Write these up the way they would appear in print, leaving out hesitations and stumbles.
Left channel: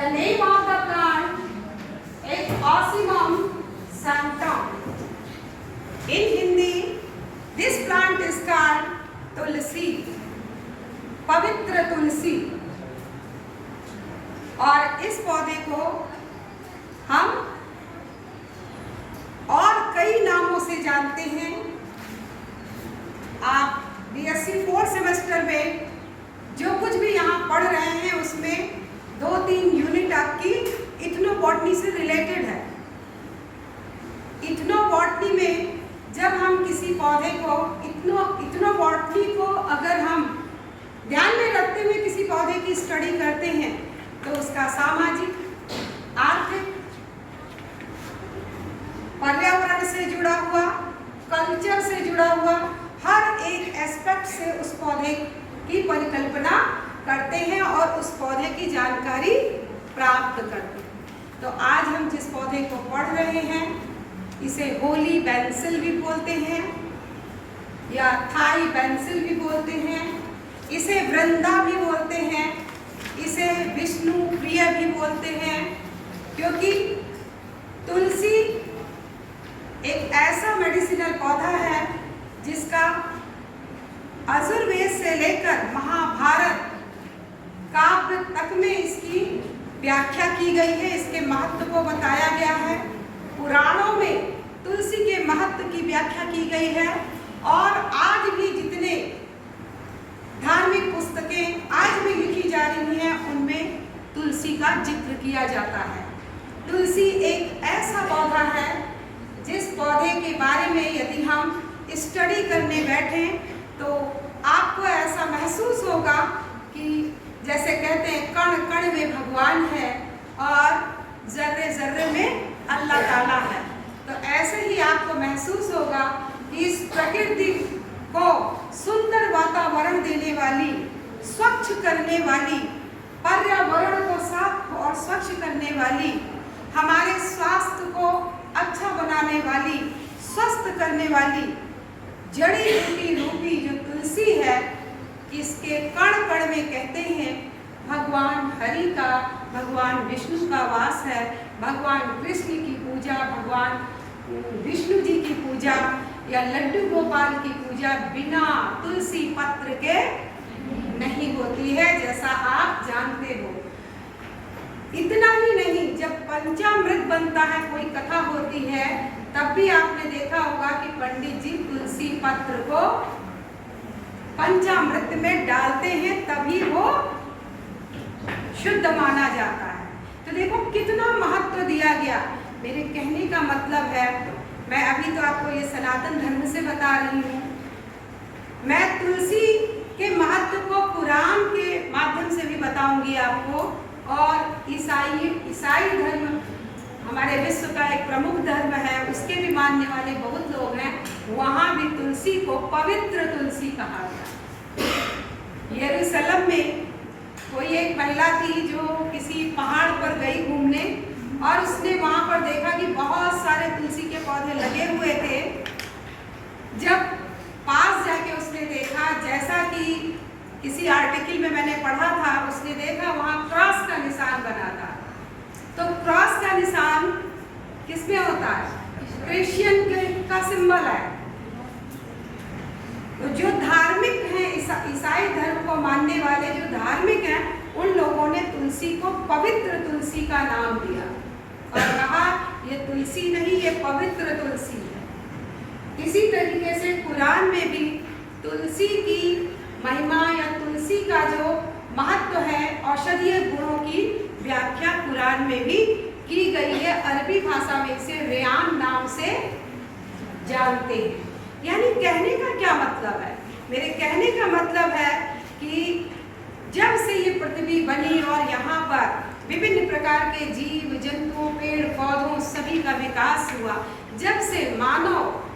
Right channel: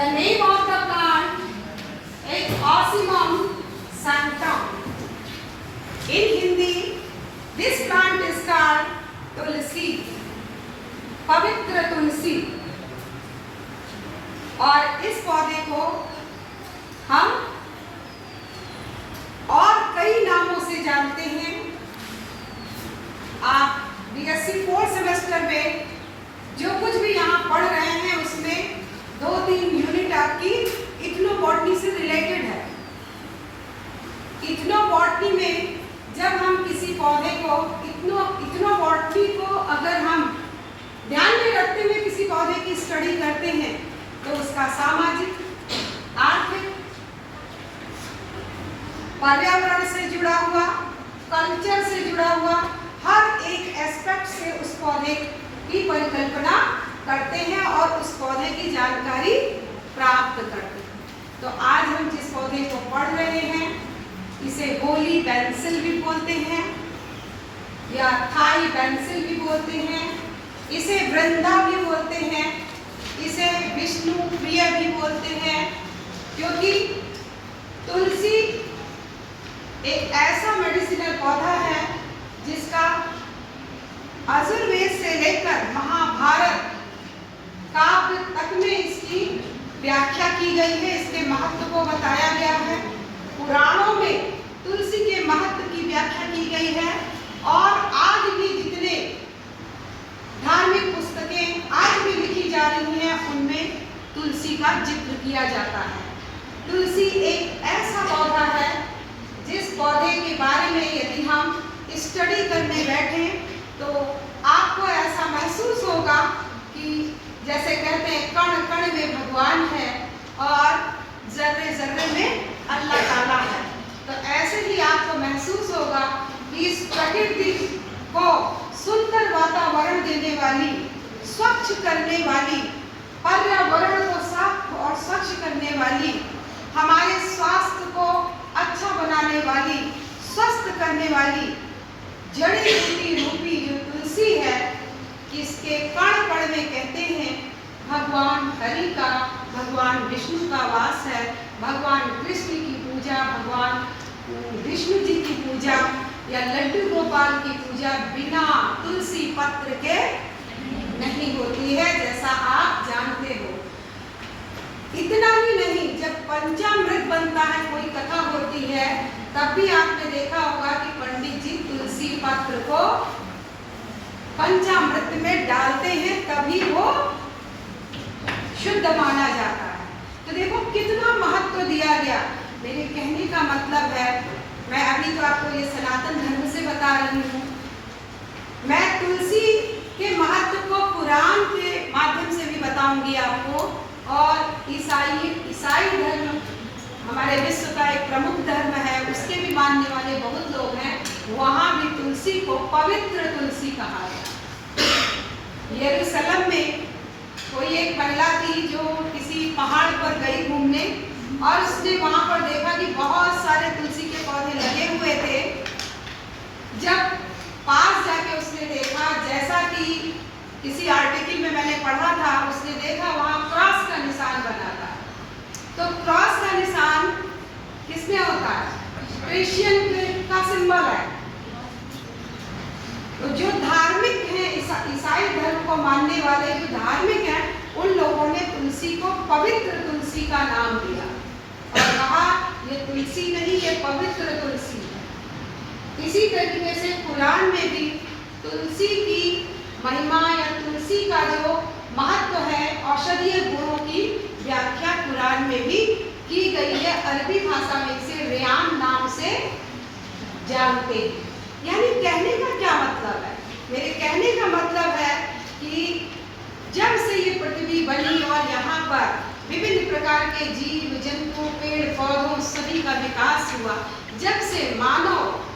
The name of the plant is Ocimum sanctum. In Hindi, this plant is called तुलसी, पवित्र तुलसी। और इस पौधे को हम और कई नामों से जानते हैं। आप बीएससी 4th सेमेस्टर में जो कुछ भी यहाँ पढ़ रहे हैं उसमें 2-3 यूनिट आपकी इथनोबॉटनी से रिलेटेड है। इथनोबॉटनी में जब हम किसी पौधे को इथनोबॉटनी को अगर हम ध्यान में रखते हुए किसी पौधे की स्टडी करते हैं तो उसका सामाजिक, आर्थिक, पर्यावरण से जुड़ा हुआ, कल्चर से जुड़ा हुआ हर एक एस्पेक्ट से उस पौधे की परिकल्पना करते हैं और उस पौधे की जानकारी प्राप्त करते हैं। तो आज हम जिस पौधे को पढ़ रहे हैं इसे होली बेंसिल भी बोलते हैं या थाई बेंसिल भी बोलते हैं, इसे वृंदा भी बोलते हैं, इसे विष्णु प्रिय भी बोलते हैं, क्योंकि तुलसी एक ऐसा मेडिसिनल पौधा है जिसका आयुर्वेद से लेकर महाभारत काव्य तक में इसकी व्याख्या की गई है, इसके महत्व को बताया गया है। पुराणों में तुलसी के महत्व की व्याख्या की गई है और आज भी जितने धार्मिक पुस्तकें आज भी लिखी जा रही हैं उनमें तुलसी का जिक्र किया जाता है। तुलसी एक ऐसा पौधा है जिस पौधे के बारे में यदि हम स्टडी करने बैठें तो आपको ऐसा महसूस होगा कि जैसे कहते हैं कण कण में भगवान है और जर्रे जर्रे में अल्लाह ताला है। तो ऐसे ही आपको महसूस होगा कि इस प्रकृति को सुंदर वातावरण देने वाली, स्वच्छ करने वाली, पर्यावरण को साफ और स्वच्छ करने वाली, हमारे स्वास्थ्य को अच्छा बनाने वाली, स्वस्थ करने वाली जड़ी बूटी रूपी जो तुलसी है, इसके कण कण में कहते हैं भगवान हरि का, भगवान विष्णु का वास है। भगवान कृष्ण की पूजा, भगवान विष्णु जी की पूजा या लड्डू गोपाल की पूजा बिना तुलसी पत्र के नहीं होती है, जैसा आप जानते हो। इतना ही नहीं, जब पंचामृत बनता है, कोई कथा होती है, तब भी आपने देखा होगा कि पंडित जी तुलसी पत्र को पंचामृत में डालते हैं, तभी वो शुद्ध माना जाता है। तो देखो कितना महत्व दिया गया। मेरे कहने का मतलब है, मैं अभी तो आपको ये सनातन धर्म से बता रही हूँ, मैं तुलसी के महत्व को कुरान के माध्यम से भी बताऊंगी आपको। और ईसाई धर्म हमारे विश्व का एक प्रमुख धर्म है, उसके भी मानने वाले बहुत लोग हैं, वहाँ भी तुलसी को पवित्र तुलसी कहा गया। यरूशलेम में कोई एक महिला थी जो किसी पहाड़ पर गई घूमने और उसने वहाँ पर देखा कि बहुत सारे तुलसी के पौधे लगे हुए थे। जब पास जाके उसने देखा, जैसा कि किसी आर्टिकल में मैंने पढ़ा था, उसने देखा वहाँ क्रॉस का निशान बना था। तो क्रॉस का निशान किसमें होता है? क्रिश्चियन का सिंबल है। तो जो धार्मिक हैं, ईसाई धर्म को मानने वाले जो धार्मिक हैं, उन लोगों ने तुलसी को पवित्र तुलसी का नाम दिया और कहा ये तुलसी नहीं, ये पवित्र तुलसी है। इसी तरीके से कुरान में भी तुलसी की महिमा या तुलसी का जो महत्व है, औषधीय गुणों की व्याख्या कुरान में भी की गई है। अरबी भाषा में इसे रेयान नाम से जानते हैं। यानी कहने का क्या मतलब है? मेरे कहने का मतलब है कि जब से ये पृथ्वी बनी और यहाँ पर विभिन्न प्रकार के जीव जंतुओं, पेड़ पौधों सभी का विकास हुआ, जब से मानव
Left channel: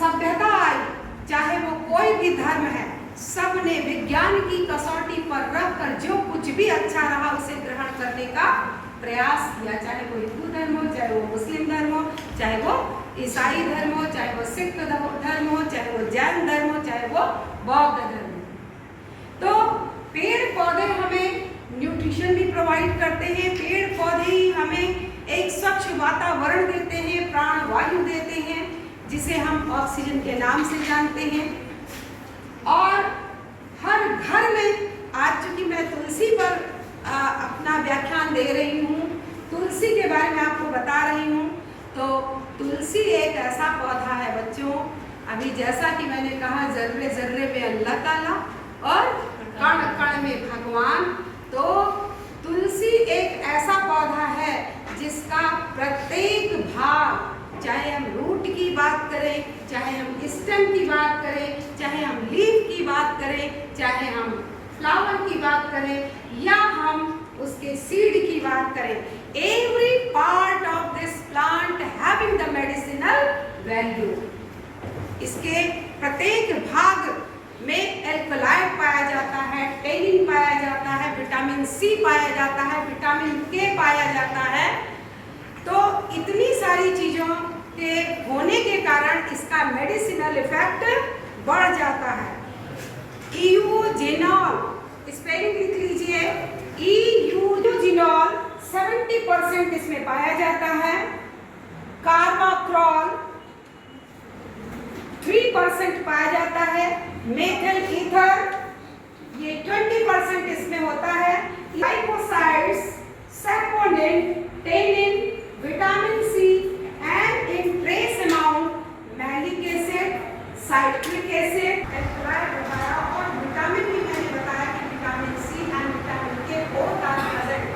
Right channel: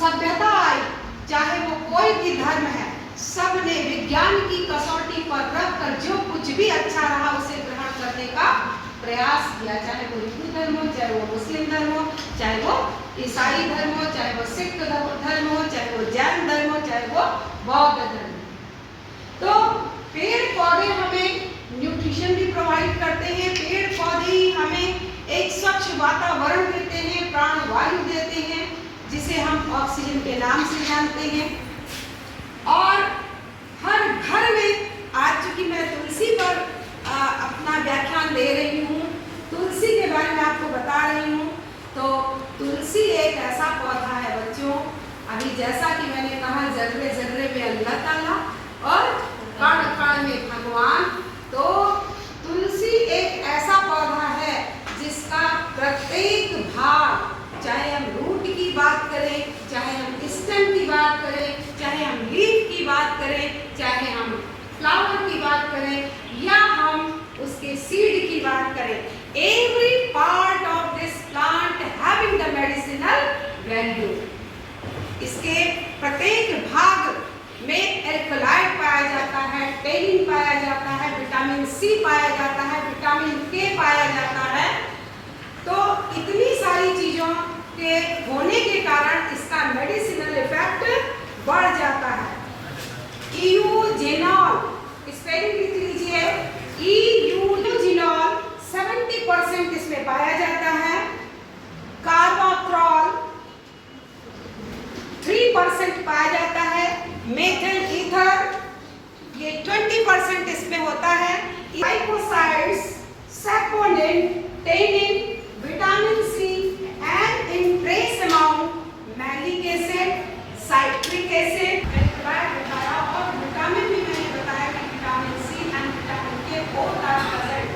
सभ्यता आई, चाहे वो कोई भी धर्म है, सब ने विज्ञान की कसौटी पर रखकर जो कुछ भी अच्छा रहा उसे ग्रहण करने का प्रयास किया। चाहे वो हिंदू धर्म हो, चाहे वो मुस्लिम धर्म हो, चाहे वो ईसाई धर्म हो, चाहे वो सिख धर्म हो, चाहे वो जैन धर्म हो, चाहे वो बौद्ध धर्म हो। तो पेड़ पौधे हमें न्यूट्रिशन न्यूट्रिशन भी प्रोवाइड करते हैं। पेड़ पौधे ही हमें एक स्वच्छ वातावरण देते हैं, प्राण वायु देते हैं, जिसे हम ऑक्सीजन के नाम से जानते हैं। और हर घर में, आज चूंकि मैं तुलसी पर अपना व्याख्यान दे रही हूँ, तुलसी के बारे में आपको बता रही हूँ, तो तुलसी एक ऐसा पौधा है बच्चों, अभी जैसा कि मैंने कहा जर्रे जर्रे में अल्लाह ताला और कण कण में भगवान, तो तुलसी एक ऐसा पौधा है जिसका प्रत्येक भाग, चाहे हम रूट की बात करें, चाहे हम स्टेम की बात करें, चाहे हम लीफ की बात करें, चाहे हम फ्लावर की बात करें, या हम उसके सीड की बात करें, every part of this plant having the medicinal value. इसके प्रत्येक भाग में एल्कलाइड पाया जाता है, टेनिन पाया जाता है, विटामिन सी पाया जाता है, विटामिन के पाया जाता है। तो इतनी सारी चीजों के होने के कारण इसका मेडिसिनल इफेक्ट बढ़ जाता है। यूजेनॉल, स्पेलिंग लिख लीजिए, यूजेनॉल 70% इसमें पाया जाता है। कार्बोक्रोल 3% पाया जाता है। मेथल ईथर ये 20% इसमें होता है। Glycosides, saponin, tannin, vitamin C and in trace amount malic acid, citric acid, और विटामिन भी मैंने बताया कि vitamin C and vitamin K both are present.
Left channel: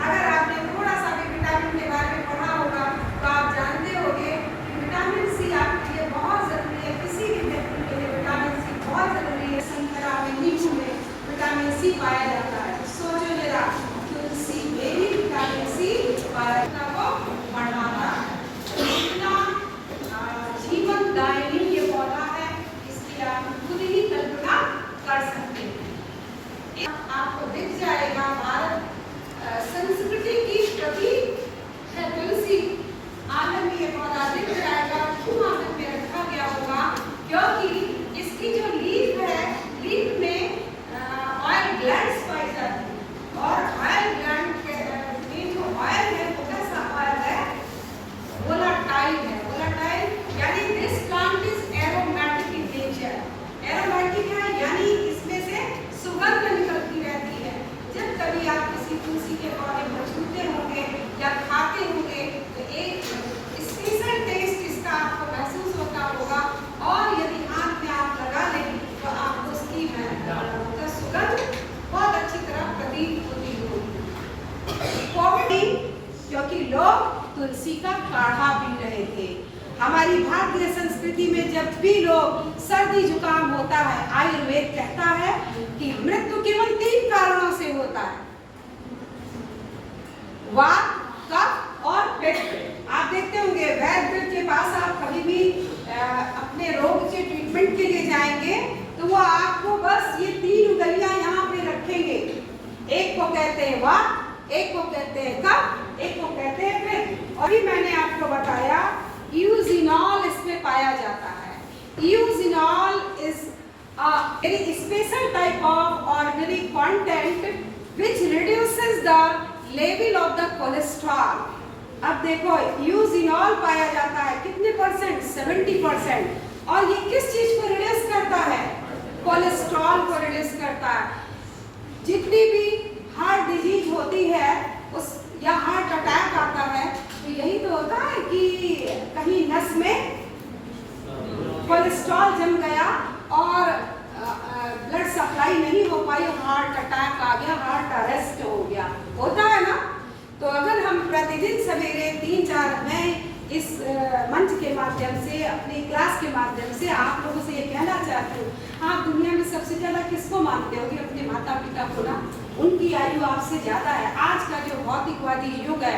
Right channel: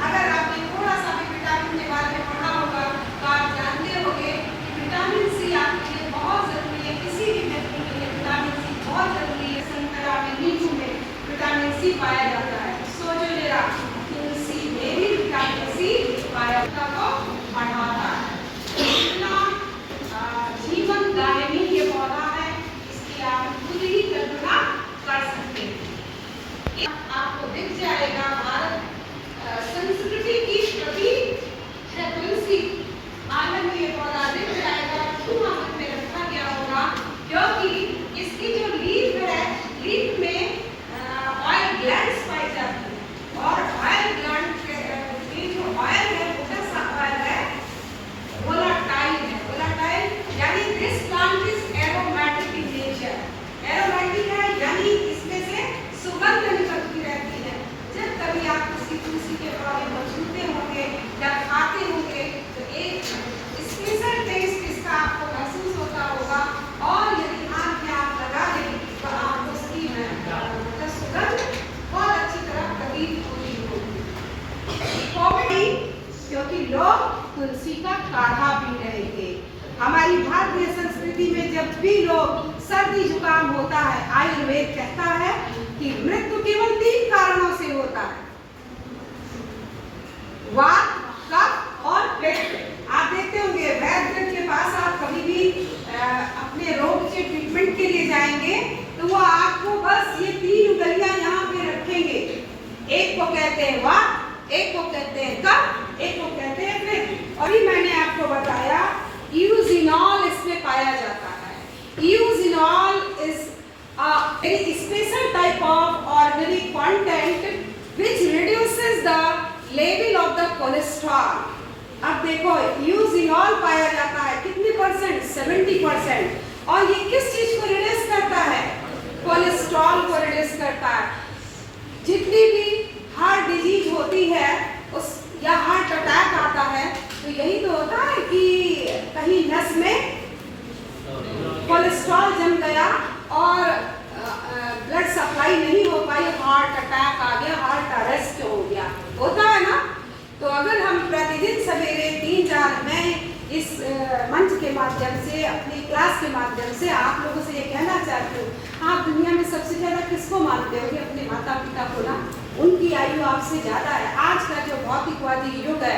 अगर आपने थोड़ा सा भी विटामिन के बारे में पढ़ा होगा तो आप जानते होंगे कि विटामिन सी आपके लिए बहुत जरूरी है। किसी भी व्यक्ति के लिए विटामिन सी बहुत जरूरी है। संतरा में, नींबू में विटामिन सी पाया जाता है। सोचो जरा, तुलसी में भी विटामिन सी पाया जाता है, बढ़ाता है। इतना जीवनदायिनी ये पौधा है, इसकी आप खुद ही कल्पना कर सकते हैं। आपको दिख जाएगा भारत संस्कृति की प्रतीक है तुलसी। आंगन में ये पौधा दिख जाएगा। क्यों आंगन में रखा गया होगा? क्योंकि इसकी जो लीफ है, लीफ में ऑयल ग्लैंड्स पाई जाती है, और ऑयल ग्लैंड के जो ऑयल है वो कैसा ऑयल है? वोलाटाइल है। वोलाटाइल यानी this plant is aromatic in nature. Aromatic है यानी इसमें से सुगंध निकलती रहती है। जब कभी आप किसी तुलसी के पौधे को छूते होंगे या खाते होंगे तो एक स्पेशल टेस्ट इसका आपको महसूस होता होगा, और यदि हाथ में आप लगा लें तो आपको उसकी सुगंध बहुत अच्छी तरह प्रतीत होती होगी। कोविड, क्योंकि लोग तुलसी का काढ़ा पी रहे थे। हमारी भारतीय संस्कृति में जब भी लोग सर्दी जुकाम होता है, आयुर्वेद कहता है कि मृत्यु केवल 3 कारणों से होता है, वात, कफ और पित्त। आप देखते होंगे वैद्य के पास आप कभी भी अपने रोग के ट्रीटमेंट के लिए जाएंगे तो वो आपको बस ये 3 उंगलियां यहाँ पे रखेंगे। एक को कहते हैं वात, एक को कहते हैं कफ, एक को कहते हैं पित्त। और भी मैंने आपको बताया यूजेनॉल इसमें पाया जाता है। Eugenol is a very special type of organic content which reduces the level of the cholesterol. अब देखो यूजेनॉल पाया जाता है कितने परसेंट? 70%। और ये किस चीज को रिड्यूस करता है? कोलेस्ट्रॉल को रिड्यूस करता है। जितनी भी हार्ट डिजीज होती है उस या हार्ट अटैक आता है तो यही तो होता है कि कहीं नस में कोलेस्ट्रॉल जम गया और ब्लड सप्लाई नहीं हो पाई, हार्ट अटैक आ गया, हार्ट अरेस्ट हो गया, होता है ना। तो अगर हम प्रतिदिन सवेरे 3-4 मैं इस मंच के माध्यम से, अपनी क्लास के माध्यम से आप लोगों से ये कहना चाहती हूँ, आप दुनिया में सबसे ज़्यादा किसको मानते हो? अपने माता पिता को ना। उनकी आयु आपसे ज़्यादा है। आज का जो भौतिकवादी युग है,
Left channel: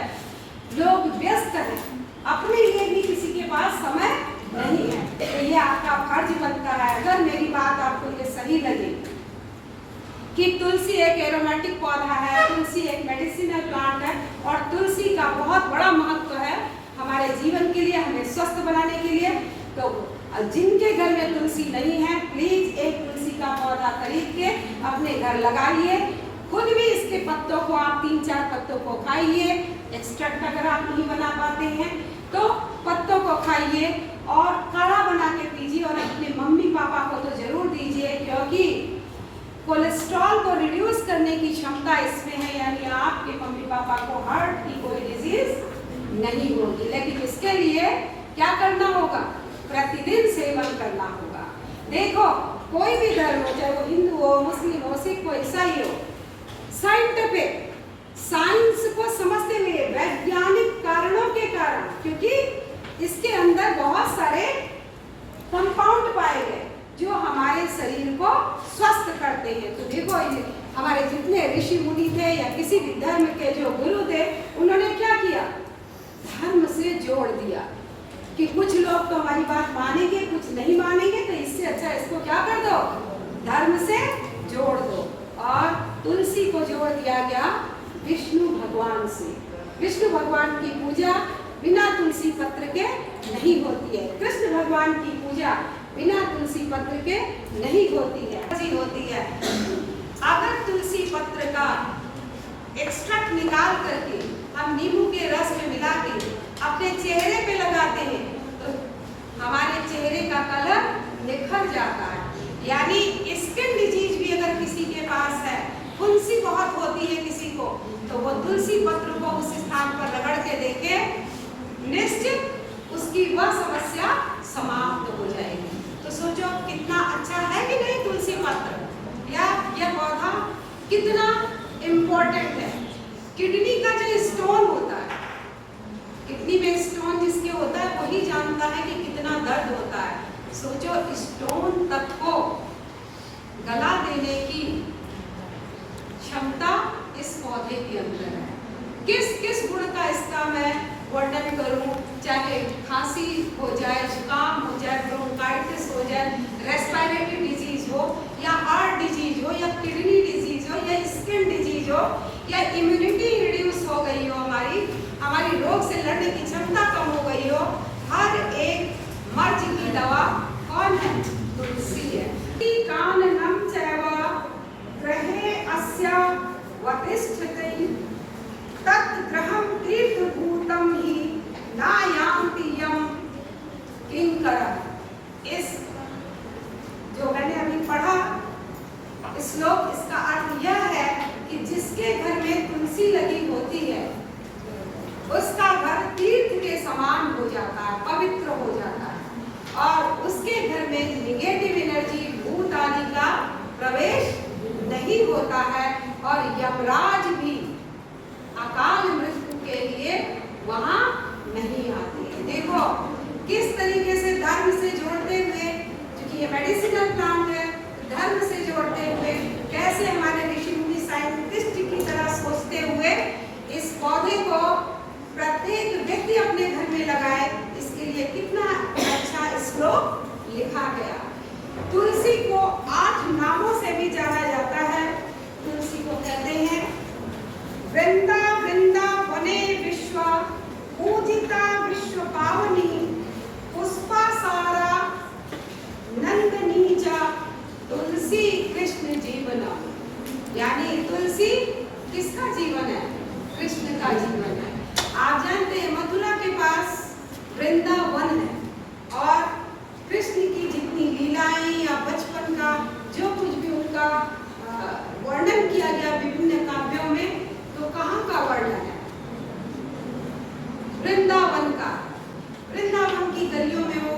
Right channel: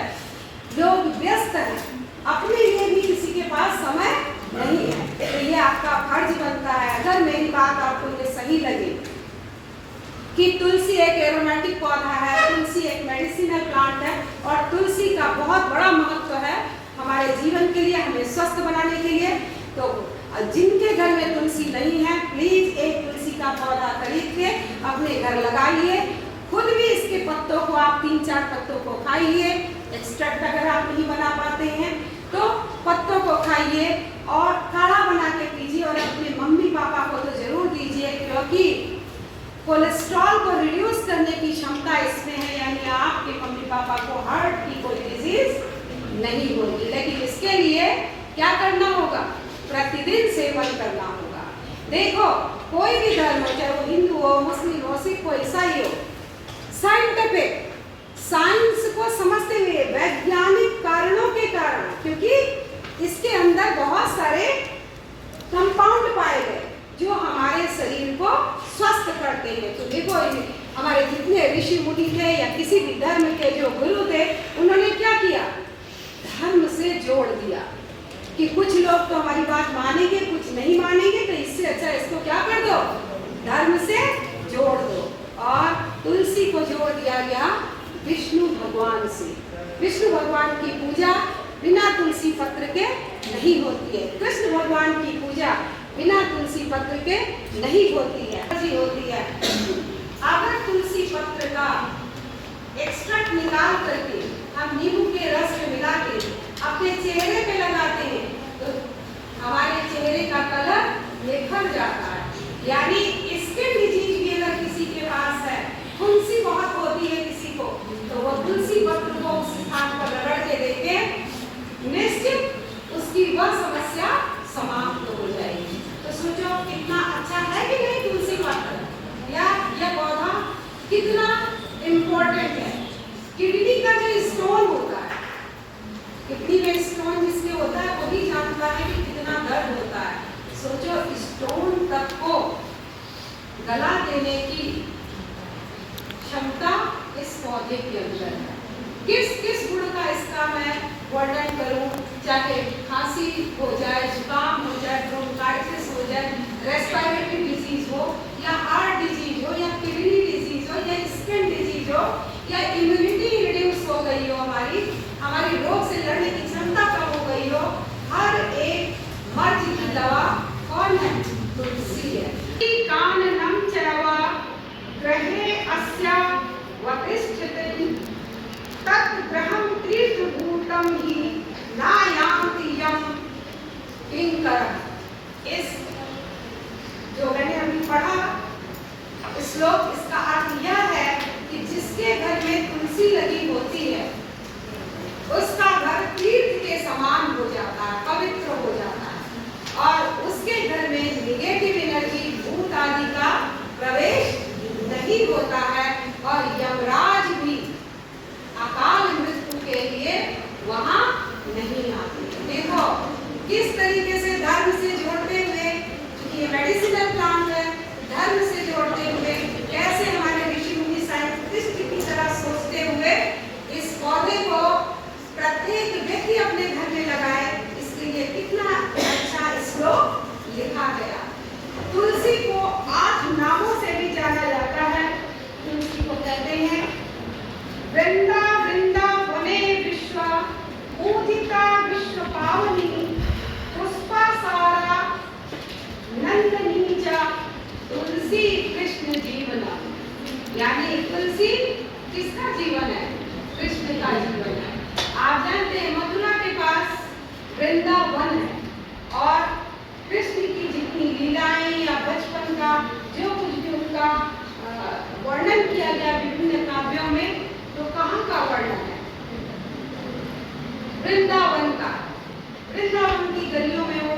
लोग व्यस्त हैं, अपने लिए भी किसी के पास समय नहीं है। तो ये आपका फर्ज बनता है, अगर मेरी बात आपको ये सही लगे कि तुलसी एक एरोमेटिक पौधा है, तुलसी एक मेडिसिनल प्लांट है, और तुलसी का बहुत बड़ा महत्व है हमारे जीवन के लिए, हमें स्वस्थ बनाने के लिए। तो जिनके घर में तुलसी नहीं है, प्लीज एक तुलसी का पौधा खरीद के अपने घर लगाइए, खुद भी इसके पत्तों को आप 3-4 पत्तों को खाइए। एक्सट्रैक्ट अगर आप नहीं बना पाते हैं तो पत्तों को खाइए और काढ़ा बना के पीजिए और अपने मम्मी पापा को तो जरूर दीजिए, क्योंकि कोलेस्ट्रॉल को रिड्यूस करने की क्षमता इसमें है, यानी आपके मम्मी पापा को हार्ट की कोई डिजीज नहीं होगी। लेकिन इसके लिए क्या करना होगा? प्रतिदिन सेवन करना होगा। देखो कोई भी धर्म हो, चाहे वो हिंदू हो, मुस्लिम हो, सिख हो, ईसाई हो, साइंटिफिक साइंस को समझते हुए वैज्ञानिक कारणों के कारण, क्योंकि इसके अंदर बहुत सारे कंपाउंड पाए गए जो हमारे शरीर को स्वस्थ करते हैं। तो देखो हमारे जितने ऋषि मुनि थे या किसी भी धर्म के जो गुरु थे, उन्होंने क्या किया? धर्म से जोड़ दिया कि कुछ लोग तो हमारी बात मानेंगे, कुछ नहीं मानेंगे, तो इससे अच्छा इसको क्या कर दो? धर्म से जोड़ दो। और तुलसी को जोड़ दिया गया विष्णु भगवान से। विष्णु भगवान की पूजा बिना तुलसी पत्र के नहीं होती है। कृष्ण भगवान की पूजा बिना तुलसी पत्र के नहीं होती है। अगर तुलसी पत्र का एक्सट्रैक्ट निकाल करके हम नींबू के रस में मिला के अपने चेहरे पे लगाते हैं तो हमारे चेहरे का कलर निखर जाता है। यानी स्किन डिजीज भी अगर किसी के पास है, फुंसी बहुत होती है किसी को, तो वो तुलसी पत्र को उस स्थान पर रगड़ के देखे, निश्चित उसकी वह समस्या समाप्त हो जाएगी। तो सोचो कितना अच्छा है कि नहीं तुलसी पत्र, या यह पौधा कितना इम्पोर्टेंट है। किडनी का जो स्टोन होता है, किडनी में स्टोन जिसके होता है वही जानता है कि कितना दर्द होता है। सोचो स्टोन तक को गला देने की क्षमता इस पौधे के अंदर है। किस किस गुण का इसका मैं वर्णन करूं, चाहे खांसी हो जाए, जुकाम हो जाए, ब्रोंकाइटिस हो जाए, रेस्पिरेटरी डिजीज हो, या हार्ट डिजीज हो, या किडनी डिजीज हो, या स्किन डिजीज हो, या इम्यूनिटी रिड्यूस हो गई हो, हमारी रोग से लड़ने की क्षमता कम हो गई हो, हर एक मर्ज की दवा कौन है? तुलसी है। काननम चैवा ग्रहे अस्या वतिष्ठति तद्ग्रहं तीर्थभूतं हि नायान्ति यं किंकरः। इस जो मैंने अभी पढ़ा श्लोक, इसका अर्थ यह है कि जिसके घर में तुलसी लगी होती है उसका घर तीर्थ के समान हो जाता है, पवित्र हो जाता है, और उसके घर में नेगेटिव एनर्जी, भूत आदि का प्रवेश नहीं होता है, और यमराज भी अकाल मृत्यु के लिए वहां नहीं आते। देखो किस तरीके से धर्म से जोड़ते हुए, क्योंकि ये मेडिसिनल प्लांट है, धर्म से जोड़ते हुए कैसे हमारे ऋषि मुनि साइंटिस्ट की तरह सोचते हुए इस पौधे को प्रत्येक व्यक्ति अपने घर में लगाए, इसके लिए कितना अच्छा श्लोक लिखा गया। तुलसी को 8 नामों से भी जाना जाता है। तुलसी को कहते हैं वृंदा वृंदा वने विश्व पूजिता विश्व पावनी पुष्पा सारा नंदनी च तुलसी कृष्ण जीवना। यानी तुलसी किसका जीवन है? कृष्ण का जीवन है। आप जानते हैं मथुरा के पास वृंदावन है, और कृष्ण की जितनी लीलाएं या बचपन का जो कुछ भी उनका वर्णन किया गया विभिन्न काव्यों में, तो कहाँ का वर्णन है? वृंदावन का। वृंदावन की गलियों में वो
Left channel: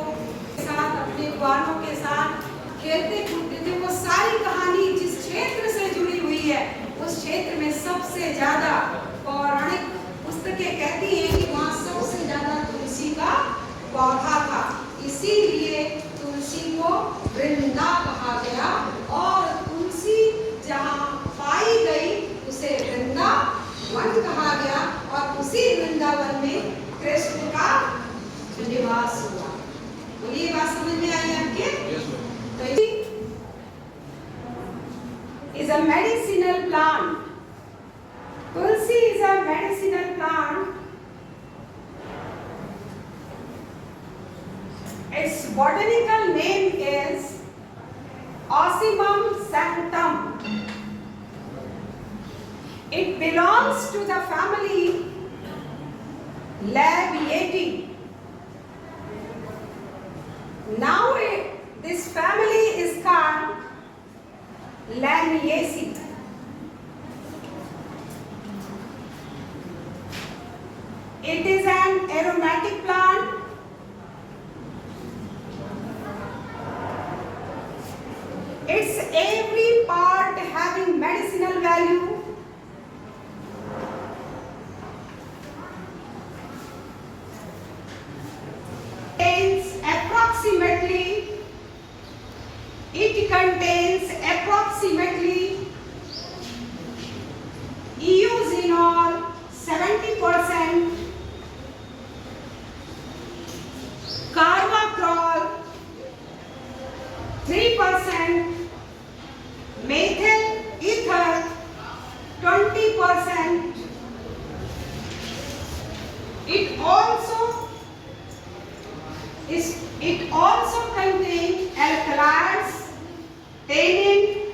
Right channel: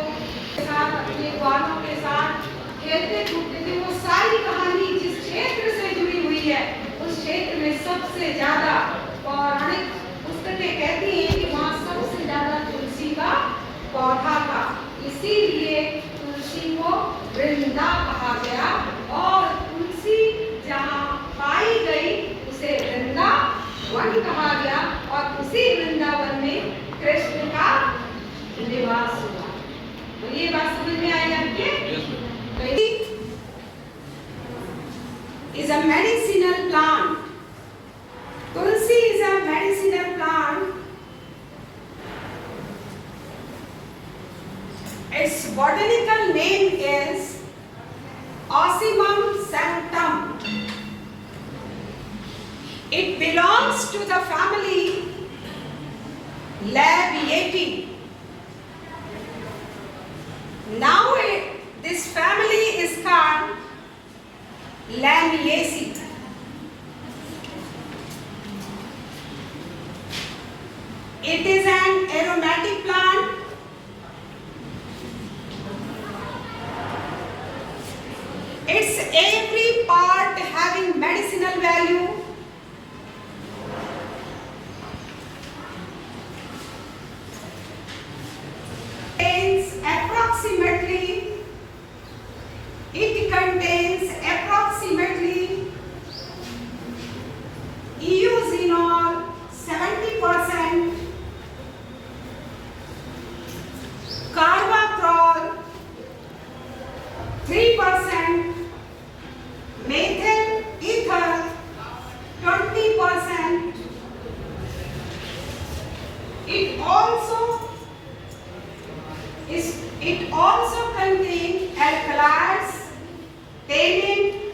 साथ अपने ग्वालों के साथ खेलते कूदते थे। वो सारी कहानी जिस क्षेत्र से जुड़ी हुई है, उस क्षेत्र में सबसे ज्यादा पौराणिक पुस्तकें कहती हैं कि वहाँ सबसे ज्यादा तुलसी का पौधा था, इसीलिए तुलसी को वृंदा कहा गया, और तुलसी जहाँ पाई गई उसे वृंदावन कहा गया, और उसी वृंदावन में कृष्ण का निवास हुआ। तो ये बात समझ में आई आपके? is a medicinal plant. Tulsi is a medicinal plant. Its botanical name is Ocimum sanctum. It belongs to the family Labiatae. Now this family is called Lamiaceae. It is an aromatic plant. Its every part having medicinal value. It contains approximately eosinol 70%, carvacrol 3%, methyl ether 20%. It also contains alkaloids, tannin,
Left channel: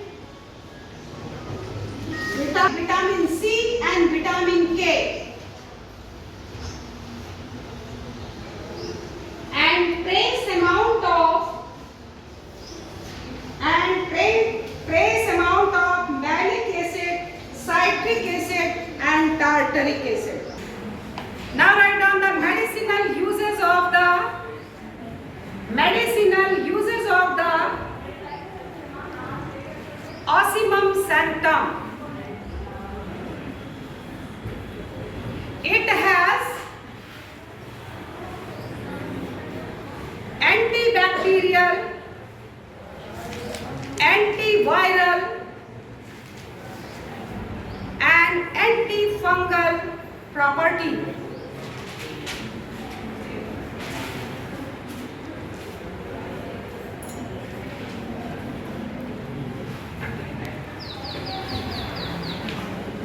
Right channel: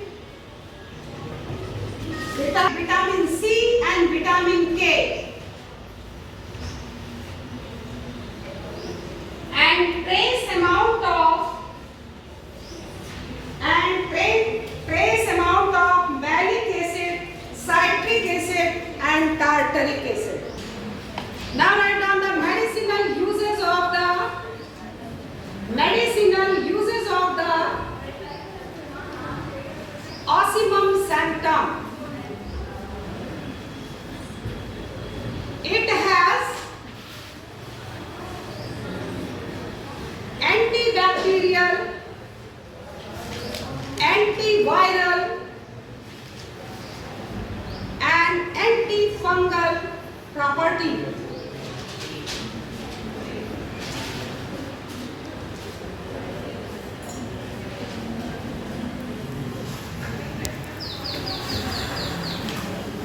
vitamin C and vitamin K, and trace amount of malic acid, citric acid and tartaric acid. Now write down the medicinal uses of the Ocimum sanctum. It has antibacterial, antiviral and antifungal property.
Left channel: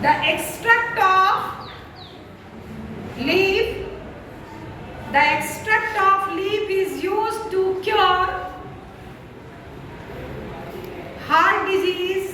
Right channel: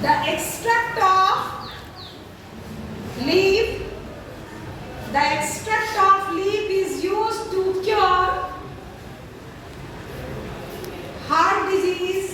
The extract of leaf is used to cure heart disease,